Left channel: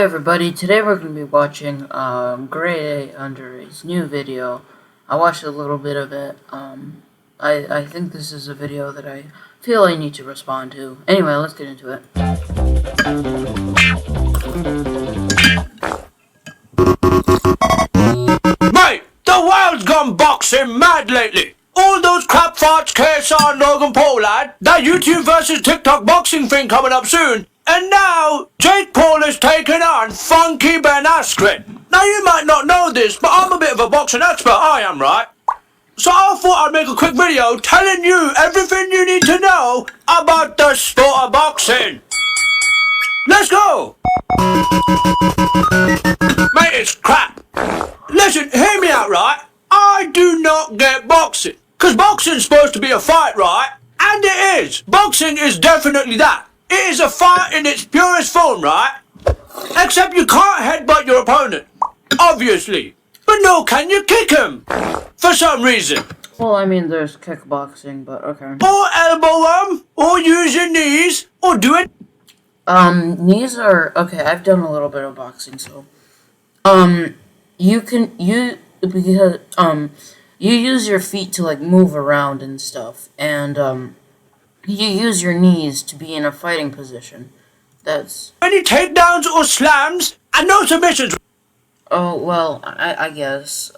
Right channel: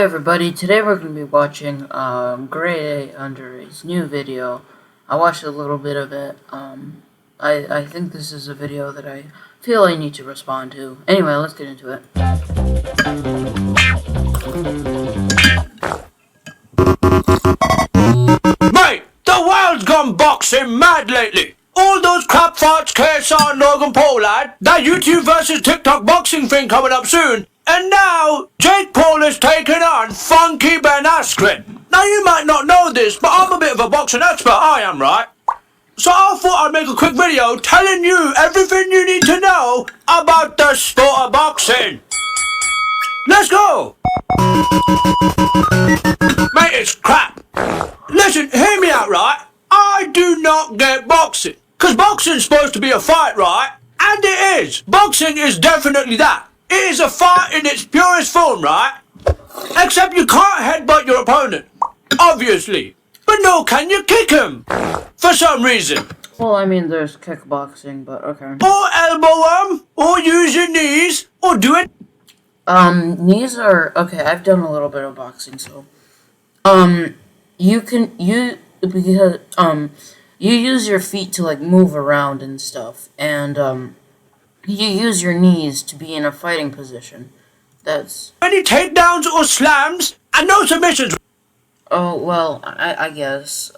Hey everybody, today we're going to be watching GradeAUnderA's new video. I watched a little bit of it. I think this is a video that I feel I need to respond to. Anyway, let's get into it. Mate, the world's gone boxing mad lately. All those crap farts, KSI and Logan Paul lad, that YouTube versus TikTok boxing thing coming up soon. And now, Jake Paul has taken on Funky Ben Askren. Now you might not know this, but I'm a bit of a boxing expert, I am, right? So I thought I'd make a quick video telling you everything you need to know about the sport of boxing. Let's go! Mate, it's crap. Listen, hear me out, right? I do not get boxing. Because boxing's supposed to be a fight, right? And it is. Boxing is definitely that. It is a fight in its purest form, right? Except you can't headbutt your opponent. Obviously. But no, can you kick him? For some reason. Well, I mean, there's kickboxing, but okay. Or elbow him. Or use your knees. Or do it. Knees are... Okay, I've done a little bit of boxing, so... You use your feet to, like, move around and stuff, and, you use your knees to be in a fighting position. That's... Any takedowns or slams, and no submissions. Oh, well, I guess.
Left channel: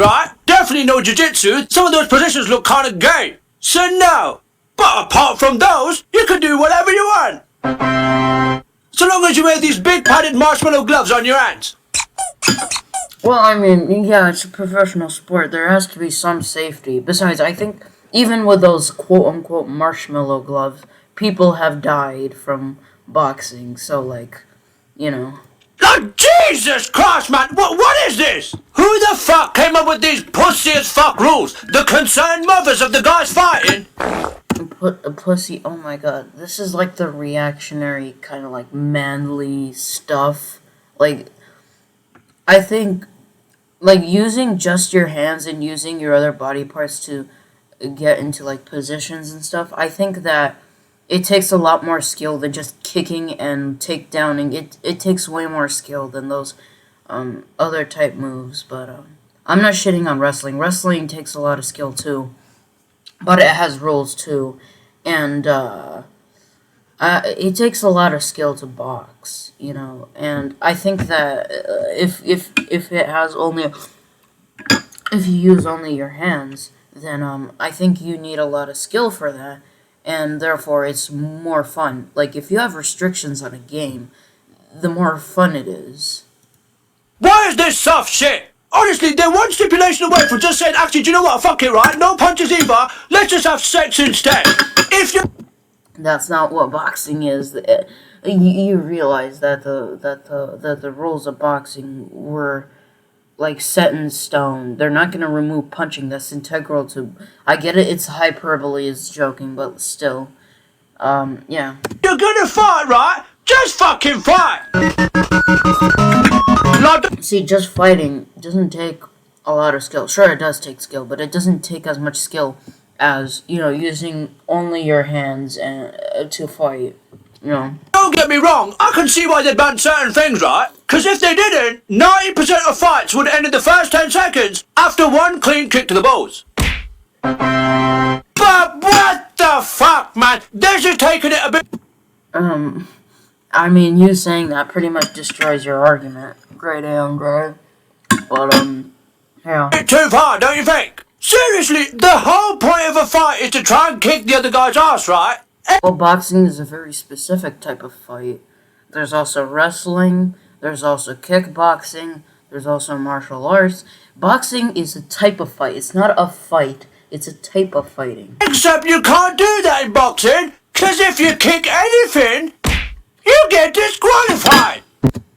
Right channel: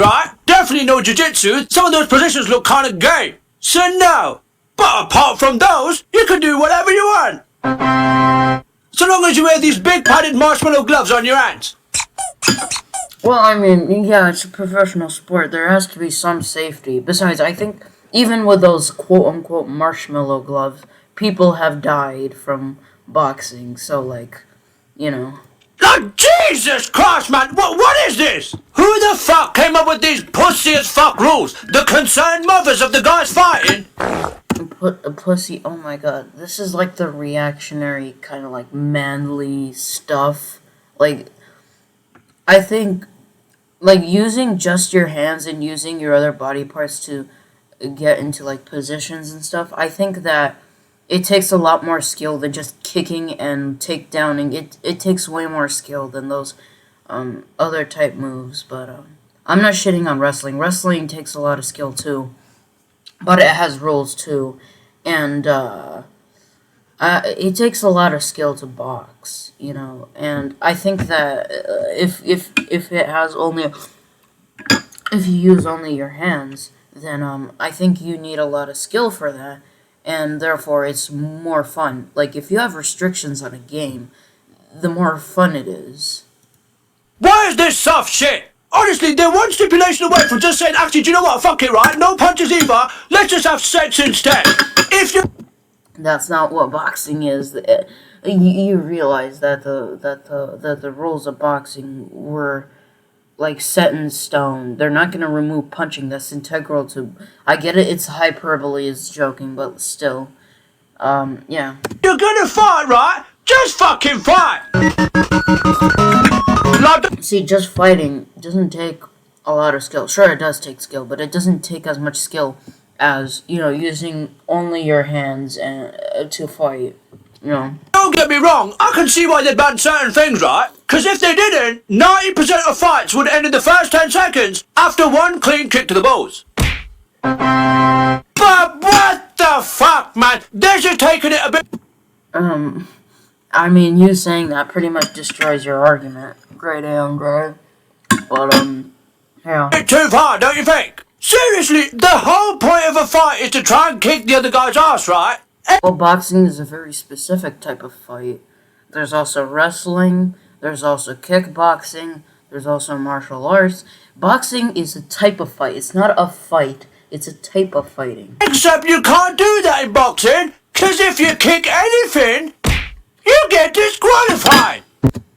Right? Definitely no jiu-jitsu. Some of those positions look kind of gay. So no. But apart from those, you can do whatever you want. So long as you wear these big padded marshmallow gloves on your hands. Well, I mean, yeah, it's a professional sport. There has to be some safety. Besides, I think even with those quote-unquote marshmallow gloves, people have died from boxing. So, like, you know. Oh, Jesus Christ, man! What is this? Who the fuck came up with these pussy-as-fuck rules? The concerned mothers of the guys fighting? Put a pussy... Oh, my God. This is, like, the reactionary kind of, like, manly stuff. Like, I think... Like, using just your hands and using your other body parts to get into, like, positions and stuff, I think that it takes a lot more skill than just kicking and takedowning. It takes way more skill than those other type moves, but I'm not shitting on wrestling. Wrestling takes a lot of skill, too, but it has rules, too, and it takes a lot of skill to box, you know, and I think that if it has only, if you use only your hands, then I think you need a lot of skill for that, and therefore it's more fun. Like, if you have restrictions on a game, the more fun it is. Why is this soft shit? Honestly, they're one stipulation away from just saying, actually, do you know what, fuck it, right? No punches either, let's just have sex instead. If you... That's not what boxing is. You realize that the rules of boxing were, like, set in stone. They're not gonna remove punching. That's integral to... I get it, it's hyperbole, it's joking, but still. Yeah. You're gonna fight, right? Just fucking fight! See, just fighting doesn't take a lot of skill. Sure, it does take skill, but it doesn't take as much skill as, you know, using only your hands and to fight, you know. Don't get me wrong, I can see why they banned certain things, right? Because if they didn't, 90% of fights would end in the first 10 seconds after one clean kick to the balls. But what the fuck, man? They're just taking it a bit... I mean, you saying that pretty much destroys your argument. Great Andre. But, yeah. Bit too far, don't you think? Seriously, the whole point of a fight is to try and kick the other guy's ass, right? Well, boxing is a very specific type of fight. There's also wrestling, there's also kickboxing, there's also martial arts. Boxing is a type of fight. It's not a fight, it's a type of fighting. Except you can't do that in boxing, because if you kick anything, you get disqualified.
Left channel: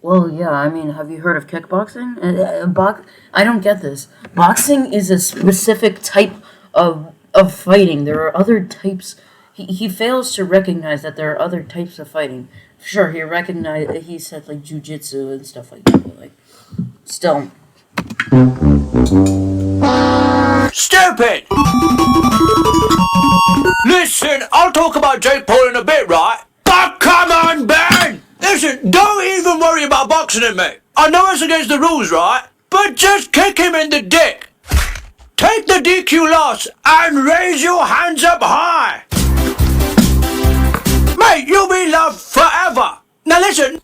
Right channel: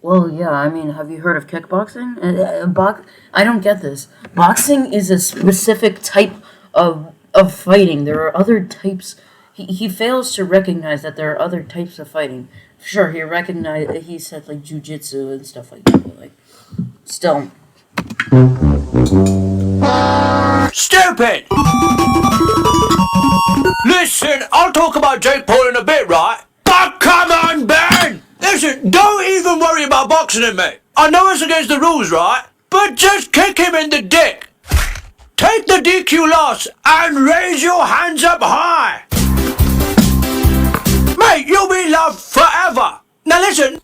Well, yeah, I mean, have you heard of kickboxing? I don't get this. Boxing is a specific type of fighting. There are other types. He fails to recognize that there are other types of fighting. Sure, he said, like, jiu-jitsu and stuff like that, but, like, still. Stupid! Listen, I'll talk about Jake Paul in a bit, right? But come on, Ben! Listen, don't even worry about boxing. boxing him, mate. I know it's against the rules, right? But just kick him in the dick. Take the DQ loss and raise your hands up high. Mate, you'll be loved forever. Now listen.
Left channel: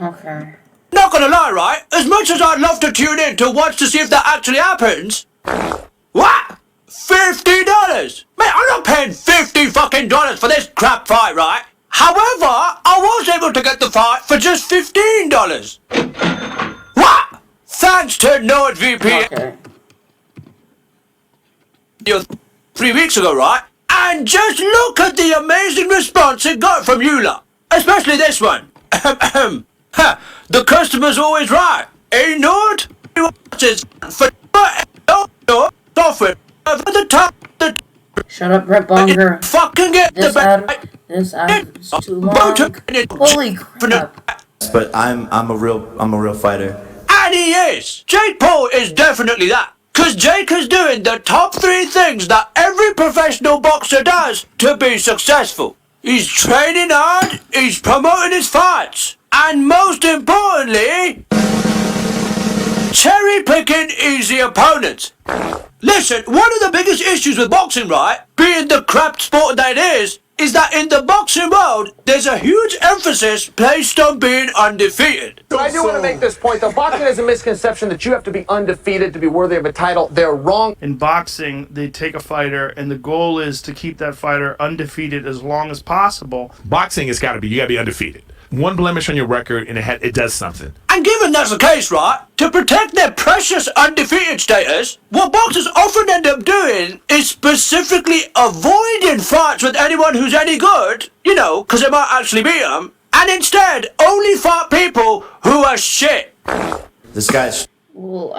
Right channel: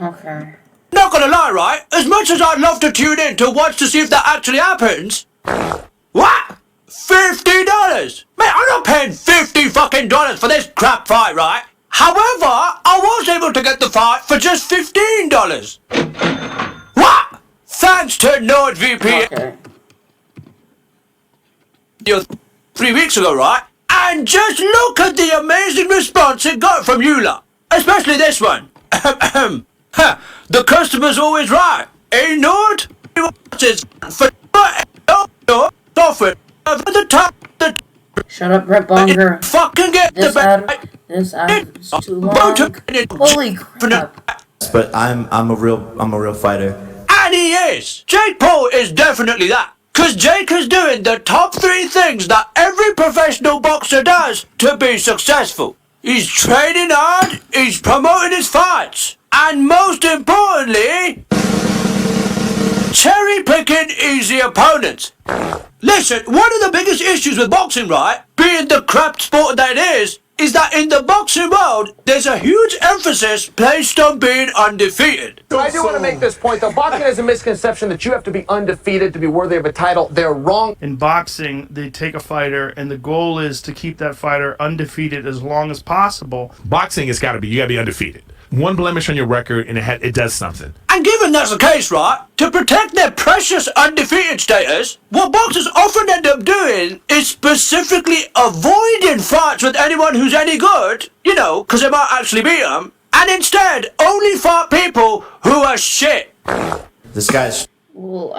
Okay. Not gonna lie, right? As much as I'd love to tune in to watch to see if that actually happens. What? $50? Mate, I'm not paying $50 fucking for this crap fight, right? However, I was able to get the fight for just $15. What? Thanks to NordVPN. Okay. 3 weeks ago, right? And just look at the amazing response it got from you lot. Especially this one. The customer's always right. Eh, Nord? For software for the top. Shut up, Brett Bonger. Fucking get This ad is too long. Holy crap. But I'm a real fighter. And he is. Jake Paul is definitely that. Cause Jake is doing the top 3 things that every professional boxer does to be successful. He's training hard, he's promoting his fights, and most importantly, cherry picking easy opponents. Listen, one of the biggest issues with boxing, right, being the crap sport that it is that in the boxing world, there's a huge emphasis placed on being undefeated. So I do want to make this point, though. Boxing has a misconception that you have to be undefeated to be worthy of a title. They're wrong. In boxing, they take a fighter, and the goal is to keep that fighter undefeated as long as possible. Boxing has got to be, you got to be undefeated. One blemish on your record, and it does something. And given that's the case, right, to protect their precious undefeated status, what boxers often end up doing is specifically avoiding fights with anyone who's any good, you know, because they might actually beat them, and instead only fight people who are shit. This guy's... Well,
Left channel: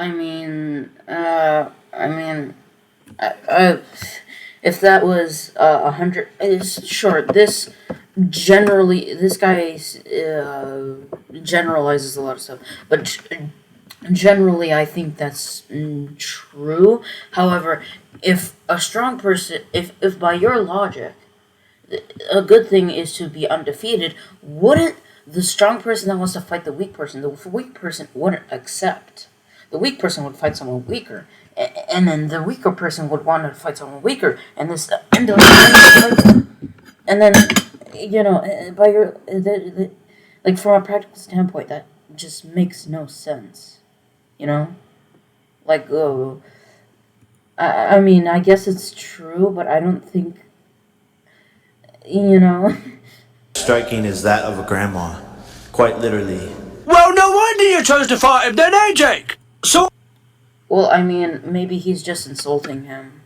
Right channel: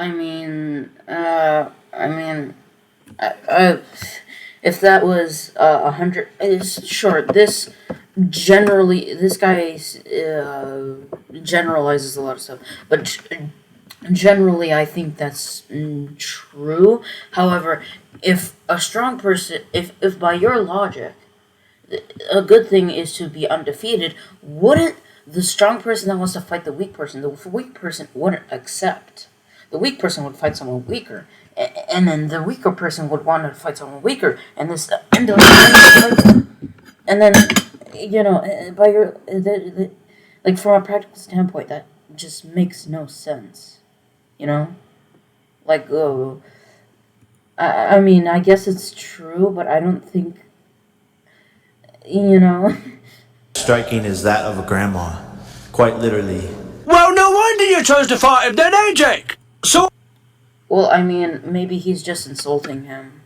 if that was 100, sure, this guy generalizes a lot of stuff, but generally I think that's true. However, if a strong person, if by your logic, a good thing is to be undefeated, wouldn't the strong person that wants to fight the weak person wouldn't accept? The weak person would fight someone weaker, and then the weaker person would want to fight someone weaker, and then, you know, by your like from a practical standpoint, that just makes no sense, you know. Like, I mean, I guess it's true, but I don't think, you know. Striking is that of a grandma, quite literally. Well, no wonder you chose to fight him then, eh, Jake? So, well, I mean, maybe he's just insulting him.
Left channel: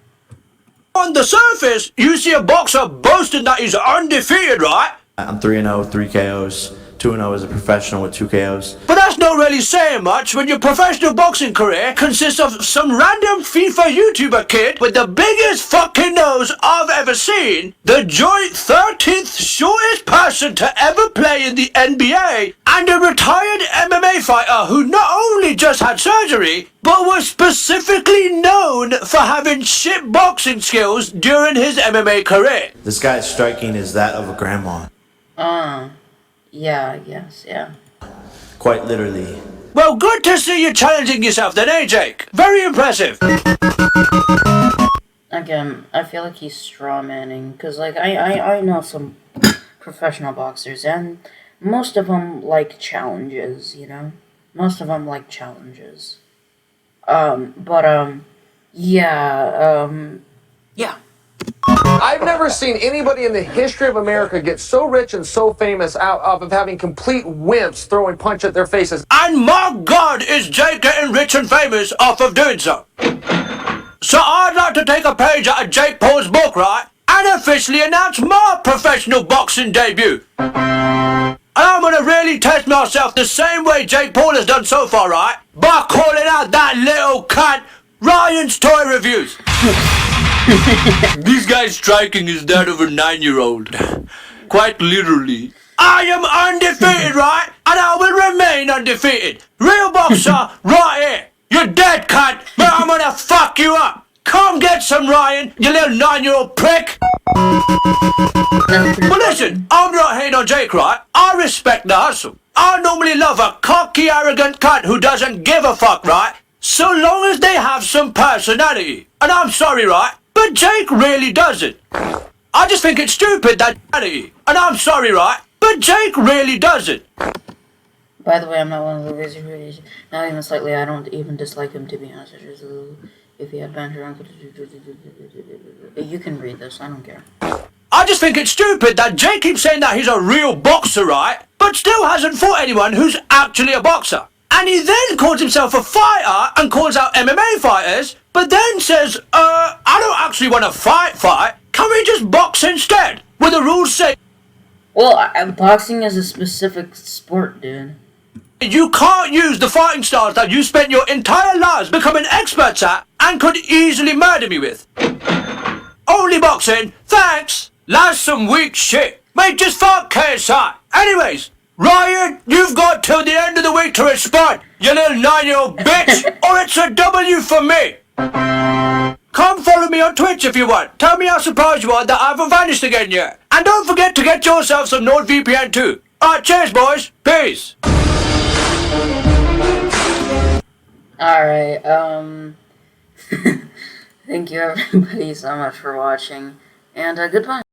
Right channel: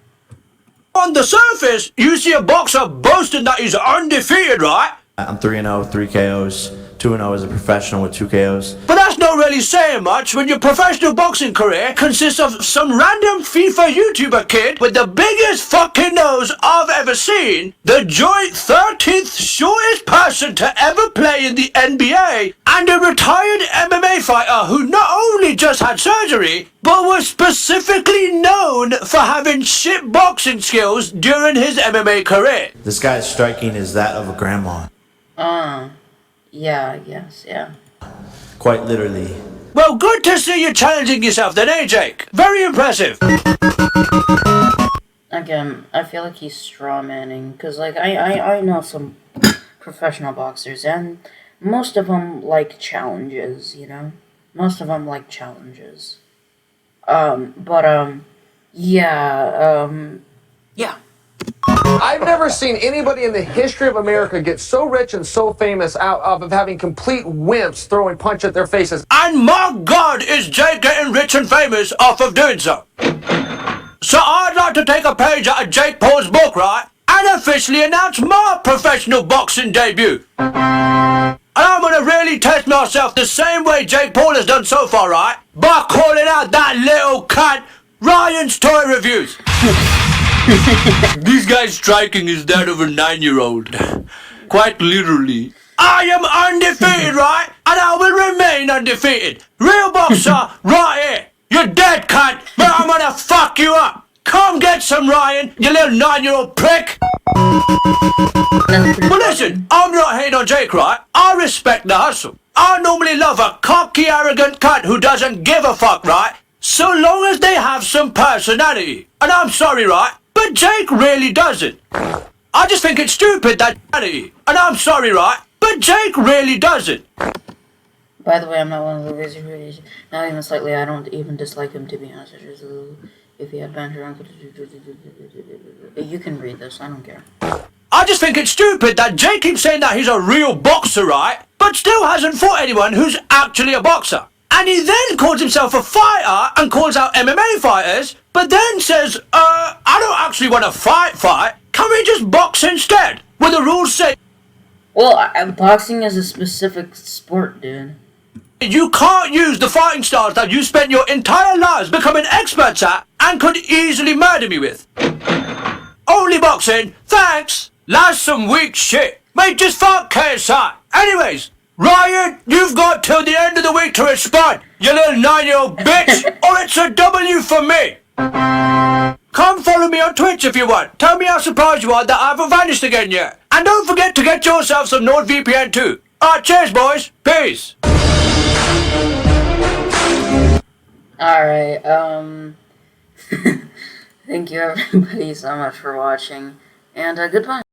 On the surface, you see a boxer boasting that he's undefeated, right? I'm 3-0, 3 KOs, 2-0 as a professional with 2 KOs. But that's not really saying much when your professional boxing career consists of some random FIFA YouTuber kid with the biggest fucking nose I've ever seen, the joint 13th shortest person to ever play in the NBA, and a retired MMA fighter who not only just had surgery, but was specifically known for having shit boxing skills during his MMA career. This guy's striking is that of a grandma. Yeah, I guess, yeah. Quite literally. Well, good to see you challenging yourself then, eh, Jake? Very impressive. Again, I feel like he's strawmanning, because, like, I know some professional boxers, and most of them like challenges, you know? Most of them like challenges. Yeah. I've never seen anybody in the history of America get so rich and so famous out of having complete wimps throwing punch at their faces. And my God, is Jake getting rich and famous off of doing so? So I'd like to take a page out of Jake Paul's book, right? And officially announce my professional boxing debut. And I'm gonna really test myself the same way Jake Paul has done so far, right? By calling out that little cunt, Ryan's Toy Reviews. This guy's striking is that of a 9-year-old. Quite literally. I am undefeated, right? And I will remain undefeated. Real boxer, right here. You're dead, cunt, but I'm gonna fuck you up. Come get some, Ryan, you little 9-year-old prick. That's pretty But funny. listen, I'm not hating on Jake, right? I respect the hustle. I normally love a cocky, arrogant cunt who doesn't give a fuck, right? So long as they have some personality. And I'm sorry, right? But Jake really doesn't. I just think it's stupid that and I'm sorry, right? But Jake really doesn't. By the way, I'm not one of the wizards. Not even slightly. I don't even dislike him, to be honest. If he had banter, you can read this. I don't care. I just think it's stupid that Jake keeps saying that he's a real boxer, right? But still hasn't fought anyone who's actually a boxer. And he then calls himself a fighter and calls out MMA fighters, but then says, I don't actually want to fight. Can we just box instead? Where the rules say Well, boxing is a specific sport, dude. you can't use the fighting styles that you spent your entire lives becoming experts at and could easily murder me with. Only boxing, thanks. That's some weak shit. Mate, just fuck KSI. Anyways, Ryan, you've got till the end of the week to respond, you little 9-year-old bitch, or it's a W for me. Come follow me on Twitch if you want. Tell me how surprised you are that I haven't vanished again yet. And don't forget to get yourself some NordVPN too. Alright, cheers boys. Peace. Alright, thank you everybody so much for watching, and goodbye.